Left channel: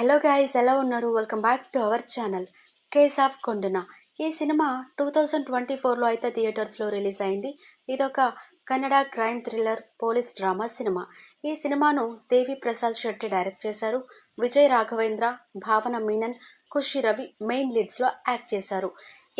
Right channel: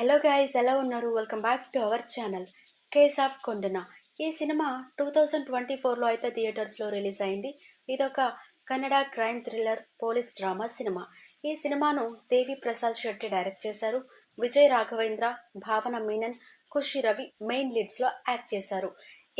Hello guys, ఎలా ఉన్నారు? Welcome back to our channel case of Kondana. ఈ సినిమా 2024లో అయితే థియేటర్స్లో రిలీజ్ అయింది. ఇదొక Kannada crime thriller police drama cinema. ఈ సినిమాను దేవి ప్రసాద్ శెట్టి డైరెక్ట్ చేశారు. విజయ్ రాఘవేంద్ర, భావన మీనన్, ఖుషి రవి మెయిన్ లీడ్స్లో యాక్ట్ చేశారు.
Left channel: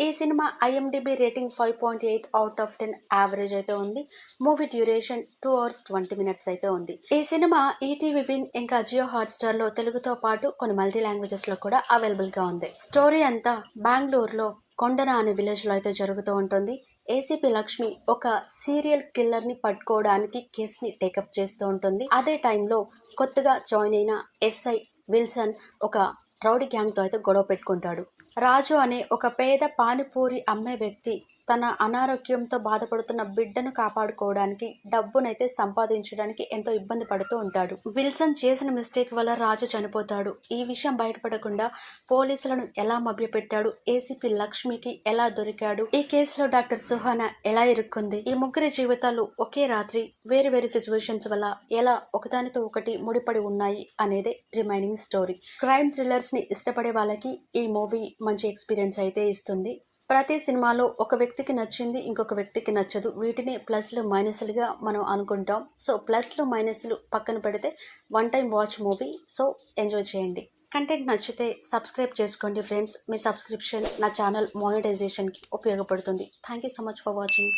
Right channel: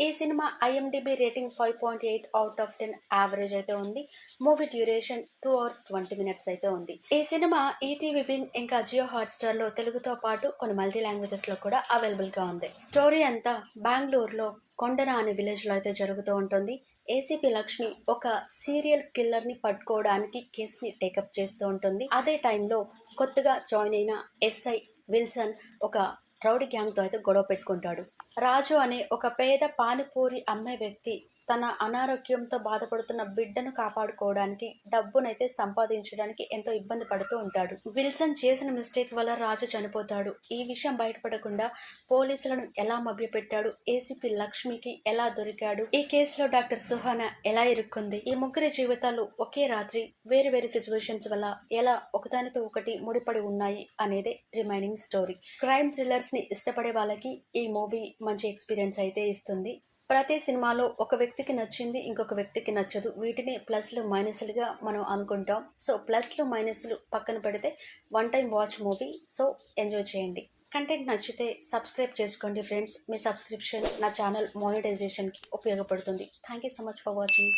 ఈ cinema IMDb rating 5.8 out of 10 average అయితే ఉంది. మూవీ డ్యూరేషన్ 2 hours 20 minutes అయితే ఉంది. ఈ సినిమా ఈటీవీ విన్ ఇంకా జియో హాట్స్టార్లో తెలుగుతో పాటు కొన్ని మల్టీ లాంగ్వేజెస్లో కూడా అవైలబుల్గా ఉంది. స్టోరీ అంతా బెంగళూరులో కొండన అనే విలేజ్లో అయితే జరుగుతూ ఉంటుంది. ఏసీపీ లక్ష్మి ఒక సీరియల్ కిల్లర్ని పట్టుకోవడానికి కేసుని టేకప్ చేస్తూ ఉంటుంది. అదే టైంలో కొత్తగా జాయిన్ అయిన ఎస్ఐ విల్సన్ ఒక రౌడీ గ్యాంగ్తో అయితే గొడవ పెట్టుకుంటాడు. రాజు అనే ఒక పేద పానీపూరి అమ్మే వ్యక్తి తన అనారోగ్యంతో బాధపడుతున్న బిడ్డను కాపాడుకోవడానికి డబ్బునైతే సంపాదించడానికి ఎంతో ఇబ్బంది పడుతూ ఉంటాడు. విల్సన్ చేసిన మిస్టేక్ వల్ల రాజు చనిపోతాడు. ఈ విషయం బయటపడకుండా పోలీసులను ఎలా మభ్యపెట్టాడు, ఏసీపీ లక్ష్మికి ఎలా దొరికాడు, ఈ కేసులో డాక్టర్ సుహానా ఎలా ఇరుక్కుంది, ఈ ముగ్గురి జీవితాలు ఒకే రాత్రి వేరు వేరు సిచ్యువేషన్స్ వల్ల ఎలా ఒకదానితో ఒకటి ముడిపడి ఉన్నాయి అనేదే రిమైనింగ్ స్టోరీ. క్రైమ్ థ్రిల్లర్స్ ని ఇష్టపడే వాళ్ళకి ఈ మూవీ మంచి ఎక్స్పీరియన్స్ అయితే ఇస్తుంది. ప్రతి సినిమాలో ఒక వ్యక్తికి నచ్చింది, ఇంకొక వ్యక్తికి నచ్చదు. వీటిని ప్లస్లు మైనస్లుగా మనం అనుకుంటాం. సో ప్లస్లు మైనస్లు పక్కన పెడితే one time watch movie. So enjoy చేయండి. కంటెంట్ నచ్చితే సబ్స్క్రైబ్ చేసుకోండి ఫ్రెండ్స్. మీ సబ్స్క్రిప్షన్ నా ఛానల్ మానిటైజేషన్కి ఉపయోగపడుతుంది. Thank you so much for watching.